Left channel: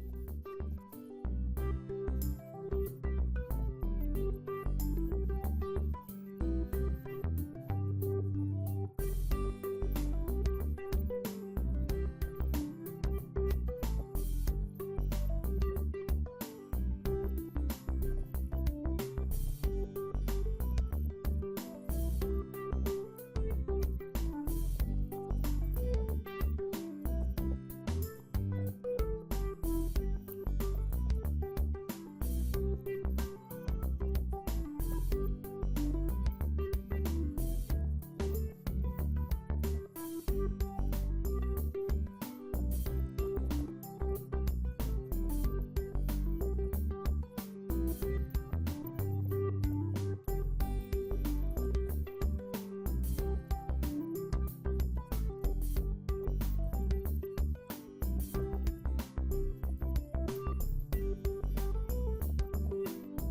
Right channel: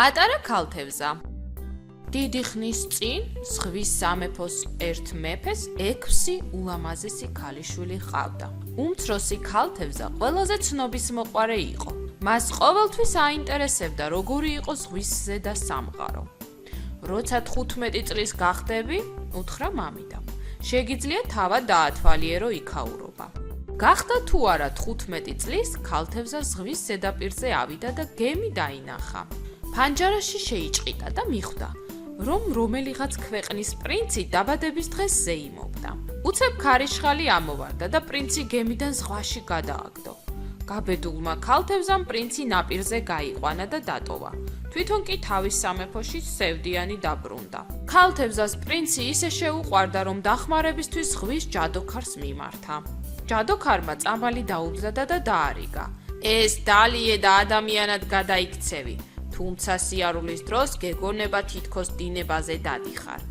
პატარა ქალთევზა. დიდი ხნის წინ ზღვის სამეფოს ერთ მეფეს 6 ულამაზესი ქალიშვილი ჰყავდა. უმცროსი ქალთევზა ყველაზე ცნობისმოყვარე იყო. მას ყოველთვის აინტერესებდა, როგორი იყო ზღვის ზედა სამყარო. როცა 15 წლის გახდები, უთხრა მამიდამ, შეგიძლია თავად დაათვალიერო იქაურობა. გახდა თუ არა 15 წლის, ქალთევზა ზღვის ზედაპირზე ავიდა და გემი დაინახა. ფანჯარაში შეიჭყიდა და მიხვდა, რომ რომელიღაც ქვეყნის პრინცი დაბადების დღეს ზეიმობდა. უცებ ქარიშხალი ამოვარდა და პრინცი გემიდან ზღვაში გადააგდო. გაბედულმა ქალთევზამ პრინცი ნაპირზე გაიყვანა და დატოვა. თვითონ კი თავის სამეფოში სევდიანი დაბრუნდა. ქალთევზას პრინცი ისე შეუყვარდა, რომ დახმარებისთვის ზღვის ჯადოქარს მიმართა. ჯადოქარმა წამალი დაუბზადა და დაარიგა. ეს დალიე და ადამიანად გადაიქცევი. თუმცა სიარულის დროს გეგონება თითქოს დინებაზე დადიხარ.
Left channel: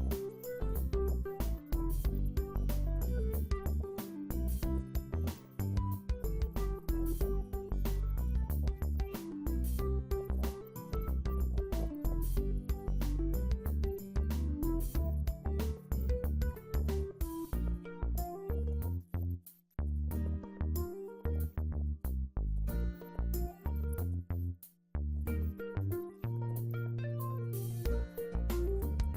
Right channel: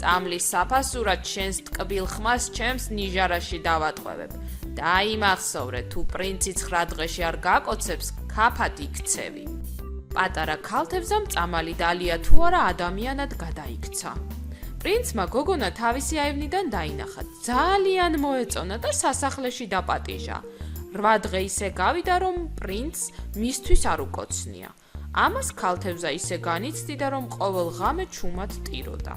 წამლის საფასურად შენს ტკბილ ხმას ჩემს ნიჟარაში დავატყვევებ. დაიმახსოვრე, თუ პრინცი 9 დღეში არ გაკოცებს, ქაფად იქცევი. პატარა ქალთევზამ წამალი დალია თუ არა ადამიანად გადაიქცა. პრინცმა გოგონა თავისი აივნიდან დაინახა. ძალიან მოეწონა და სასახლეში დაპატიჟა. 8 დღე ისე გავიდა, რომ პრინცს მისთვის არ უკოცნია. ამას ქალთევზა ისე განიცდიდა, რომ ყოველ ღამე ჩუმად ტიროდა.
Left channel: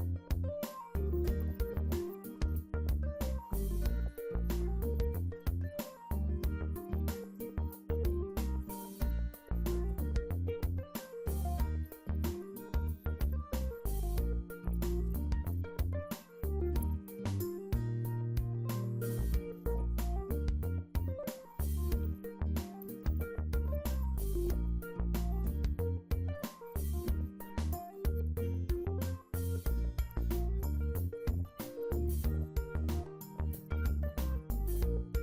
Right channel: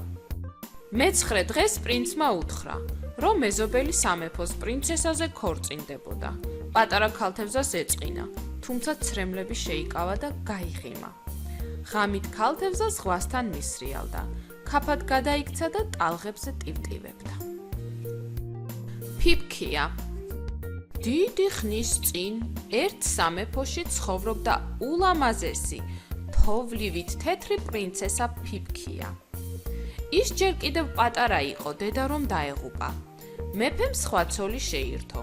მე-9 დღეს პრინცმა უთხრა, რომ მეზობელი სამეფოს პრინცესაზე ქორწინდებოდა. პატარა ქალთევზას ეწყინა, თუმცა ცრემლები შეიკავა და გაიღიმა. ღამით ქალთევზა ზღვასთან მისრიალდა, ქაფად გადაიქცა და ტალღებზე ტივტივებდა. ფიფქია. დიდი ხნის წინ ერთ სამეფოში ცხოვრობდა ულამაზესი, თოვლივით თეთრი პრინცესა ფიფქია. ის ჯერ კიდევ პატარა იყო, დედა რომ დაეღუპა. მეფემ სხვა ცოლი შეირთო.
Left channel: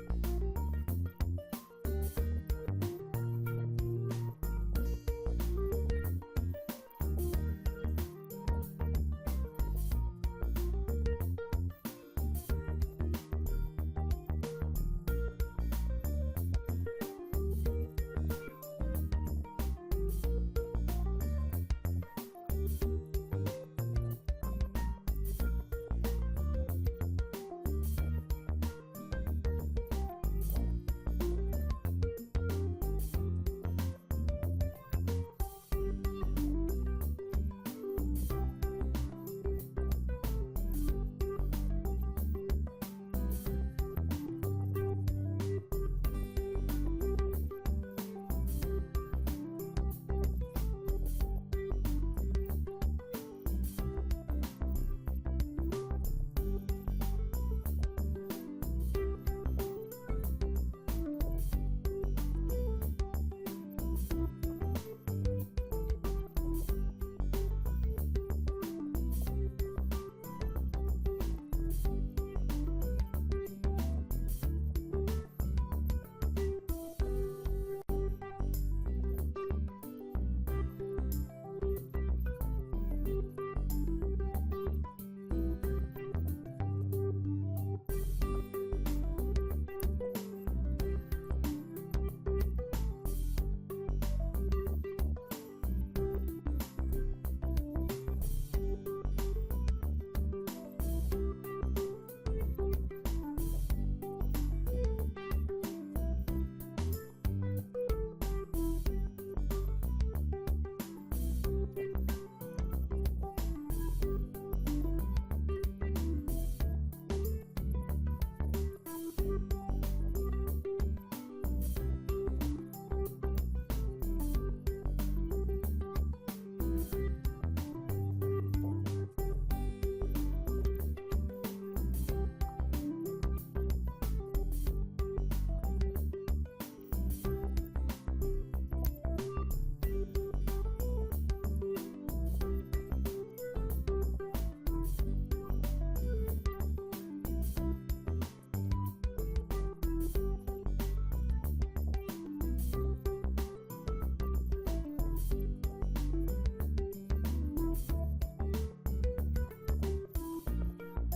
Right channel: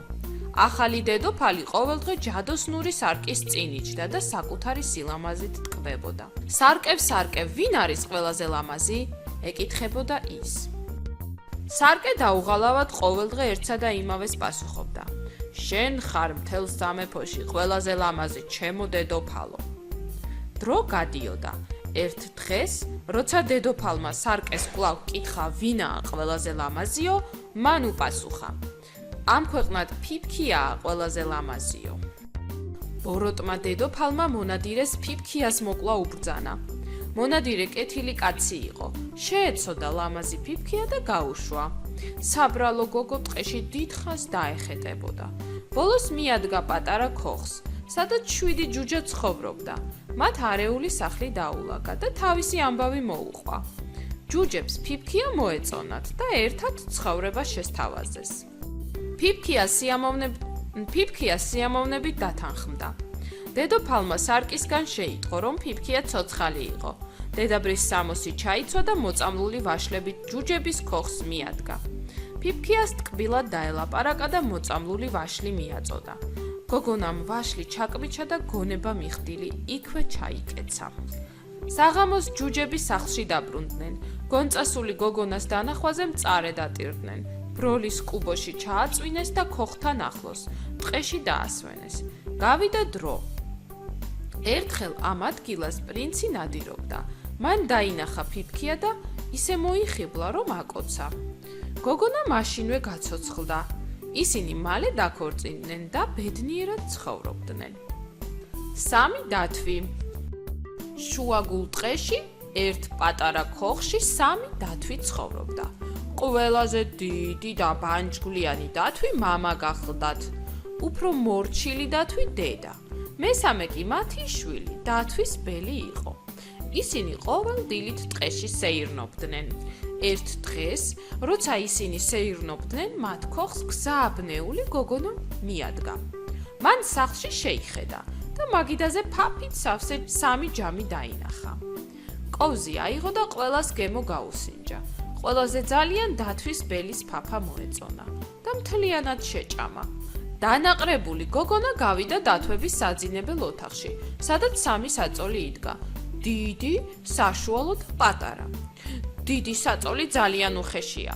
ახალი დედოფალი ყოველდღე ჯადოსნური სარკის წინ იჯდა და საკუთარი სილამაზით ტკბებოდა. სარკე, ვინ არის ყველაზე ლამაზი? ეკითხებოდა ის. სარკე დაუღალავად ყოველდღე ერთსა და იმავეს პასუხობდა. შენ ხარ მთელ სამეფოში ყველაზე ლამაზი, ჩემო დედოფალო. დრო გადიოდა. ერთ დღეს, როცა დედოფალმა სარკეს კვლავ კითხა, ვინაა ყველაზე ლამაზიო, მან უპასუხა. ამ ქვეყნად ფიფქიაა ყველაზე ლამაზიო. ბოროტმა დედოფალმა მონადირეს ფიფქიას მოკლა უბრძანა. მონადირე კეთილი კაცი იყო. შეეცოდა ლამაზი ფიფქია და გაუშვა. საბრალო გოგო ტყეში დიდხანს დაეხეტებოდა. ბოლოს მიადგა პატარა ქოხს, სადაც 7 ჯუჯა ცხოვრობდა. მათ არეული სახლი დაულაგა და თავისი ამბავი მოუყვა. ჯუჯებს ფიფქია მოეწონათ და ერთად ცხოვრება შესთავაზეს. ფიფქია სიამოვნებით დათანხმდა. დედოფალმა სარკისგან შეიტყო, რომ ფიფქია ცოცხალი იყო. დედაბრის სამოსი ჩაიცვა და მოწამლული ვაშლებით ჯუჯების ქოხს მიადგა. ფიფქიას ტკბილად დაელაპარაკა და მოწამლული ვაშლი მიაწოდა. გოგონამ ვაშლი ჩაკბიჩა და გონება მიხდილი იქვე ჩაიკეცა. საღამოს ჯუჯები სახლში დაბრუნდნენ. გონწასული გოგონას დანახვაზე მწარე დატირდნენ. ბროლის კუბოში ჩააწვინეს და ქოხთან ახლოს ტყეში დაასვენეს. გავიდა დრო. ერთხელ ამ ადგილას პრინცი ნადირობდა. მან დაინახა ფიფქია და ისე მოიხიბლა, რომ აკოცა. გოგონა მაშინვე გაცოცხლდა. ისინი მალე დაქორწინდნენ და ბედნიერად ცხოვრობდნენ. 3 დათვი. შუაგულ ტყეში ერთ პატარა ქოხში 3 დათვი ცხოვრობდა. ყველაზე დიდი და ბანჯგვლიანი დათვი მამა გახლდათ. უფრო მორჩილი დათვი დედა. მესამე კი მათი შვილი, დათვის ბელი იყო. ისინი ყოველ დილით ტყეში სეირნობდნენ. ერთ დღეს, როცა ისინი სეირნობდნენ, მათ ქოხს გზააბნეული გოგონა მიადგა. მან სახლში შეიხედა და მაგიდაზე ფაფით სავსე 3 ჯამი დაინახა. კოვზი აიღო და ყველას გემო გაუსინჯა. ყველაზე ძალიან დათვის ბელის ფაფა მოეწონა და მთლიანად შეჭამა. დანაყრებული გოგონა გავიდა დათვების საძინებელ ოთახში, სადაც 3 საწოლი იდგა. დიდი, საშუალო და პატარა. დიდი საწოლი ძალიან უხეშია.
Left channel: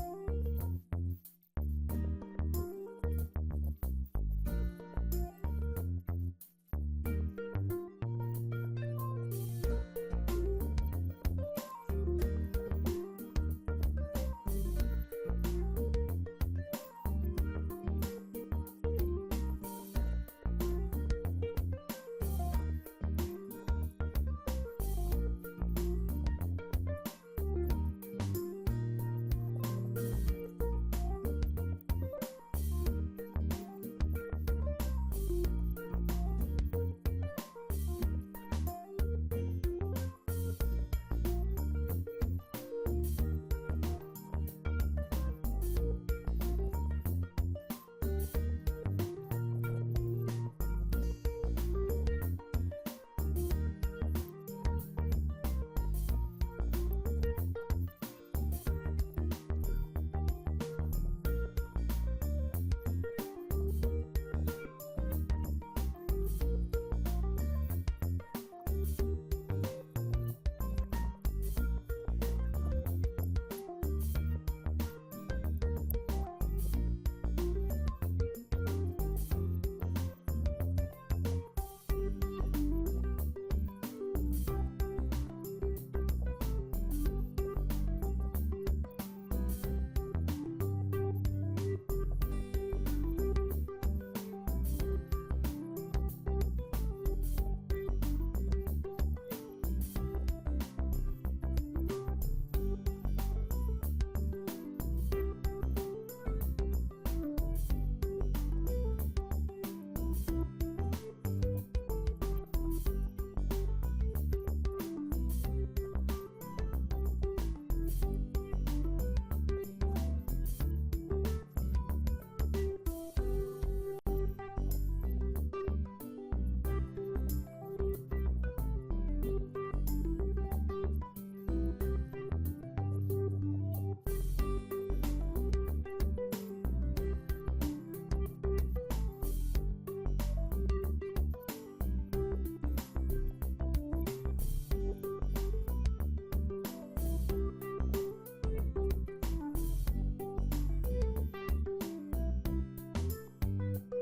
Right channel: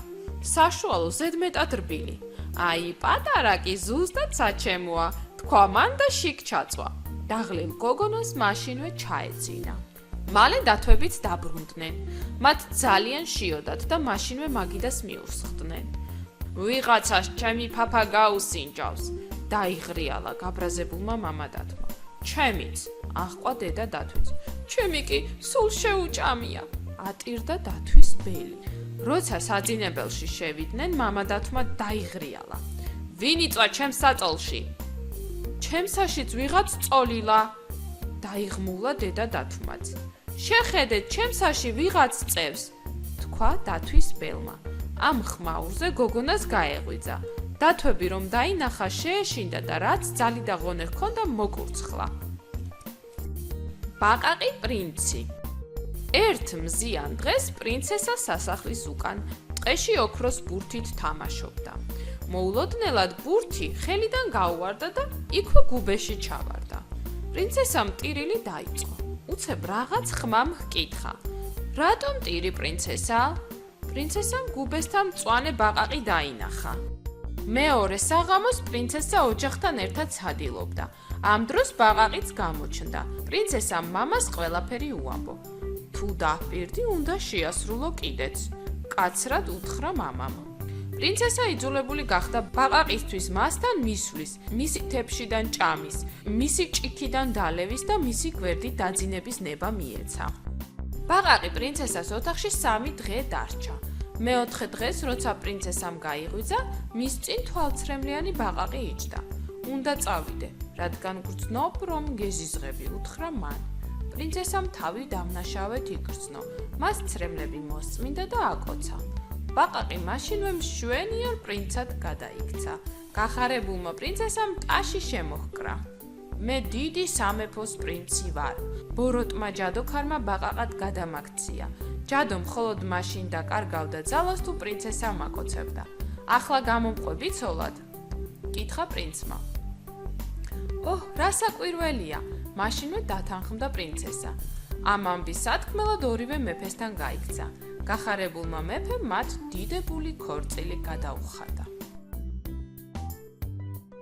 საშუალო ზედმეტად რბილი. აი, პატარა კი ზუსტად საჩემოა. თქვა მან და შიგ ჩაწვა. დაღლილ გოგონას მაშინვე ჩაეძინა. მალე დათვებიც დაბრუნდნენ. მათ ძალიან შიოდათ და მაშინვე მაგიდას მიუსხდნენ. ვიღაცას ჩემი ფაფა გაუსინჯავს, დაიღრიალა გაბრაზებულმა მამადათმა. ჩემიც, აღყვა დედა დათვით. ჩემი კი სულ შეუჭამია, ატირდა დათვის ბელი. როცა საძინებელში შევიდნენ, მამადათმა დაიღრიალა. ვინ იწვა ჩემს საწოლში? ჩემსაშიც ვიღაც წოლილა, დაიღმულა დედა დათვმაც. შეხედეთ, ჩემსაში ვიღაც წევს, თქვა დათვის ბელმა. ამ ხმაურზე გოგონას გაეღვიძა. დათვები რომ დაინახა, შეეშინდა და რაც ძალი და ღონე ჰქონდა მოკურცხლა. ბაყაყი პრინცი. ერთ მზიან დღეს პრინცესა სასახლის უკან ტყეში ოქროს ბურთით თამაშობდა. მოულოდნელად ბურთი ხელიდან გაუვარდა და იქვე გუბეში ჩავარდა. პრინცესამ ტირილი დაიწყო. უცებ რაღაც ხმამ ჰკითხა. რატომ ტირი პრინცესა? პრინცესამ გუბესთან მწვანე ბაყაყი დაინახა. მეორე საღამოს პრინცესა ოჯახთან ერთად ცდილობდა. ამ დროს ბაყაყიც გამოჩნდა. პრინცესამ მამას ყველაფერი უამბო. თუ დაპირდი, უნდა შეასრულო კიდეც. კაცრად უთხრა მამამ. პრინცესა იძულებული გახდა ბაყაყისთვის მასთან მისვლის, მისი თეფშიდან ჭამის, მისი ჭიქიდან დალევის და მისი გვერდით დაძინების ნება მიეცა. ბაყაყი პრინცესას ოთახში 3 დღე დარჩა. მეოთხე დღეს, როცა პრინცესამ გაიღვიძა, მის წინ თვალცრემლიანი ბაყაყი იჯდა. უნდა წავიდე, რადგან გრძნობ, რომ გეზიზღები, უთხრა მან. პრინცესამ თავი დამნაშავედ იგრძნო. მას ცრემლები მოსწმინდა და აკოცა. ბაყაყი მაშინვე მშვენიერ პრინცად გადაიქცა. გახარებულმა პრინცესამ ტაში შემოჰკრა. მე დიდი სამეფოს პრინცი ვარ. ბოროტმა ჯადოქარმა ბაყაყად გადამაქცია. ჯადო მხოლოდ მაშინ დაკარგავდა ძალას, თუ პრინცესა მაკოცებდა. ახლა გამომყვები ცოლად? კითხა პრინცმა. ოჰ, რა საკვირველია, მაშინვე დათანხმდა პრინცესა. ამ ამბის სათქმელად ორივე მეფესთან გაიქცა. გახარებულმა მეფემ მათ დიდებული ქორწილი გადაუხადა.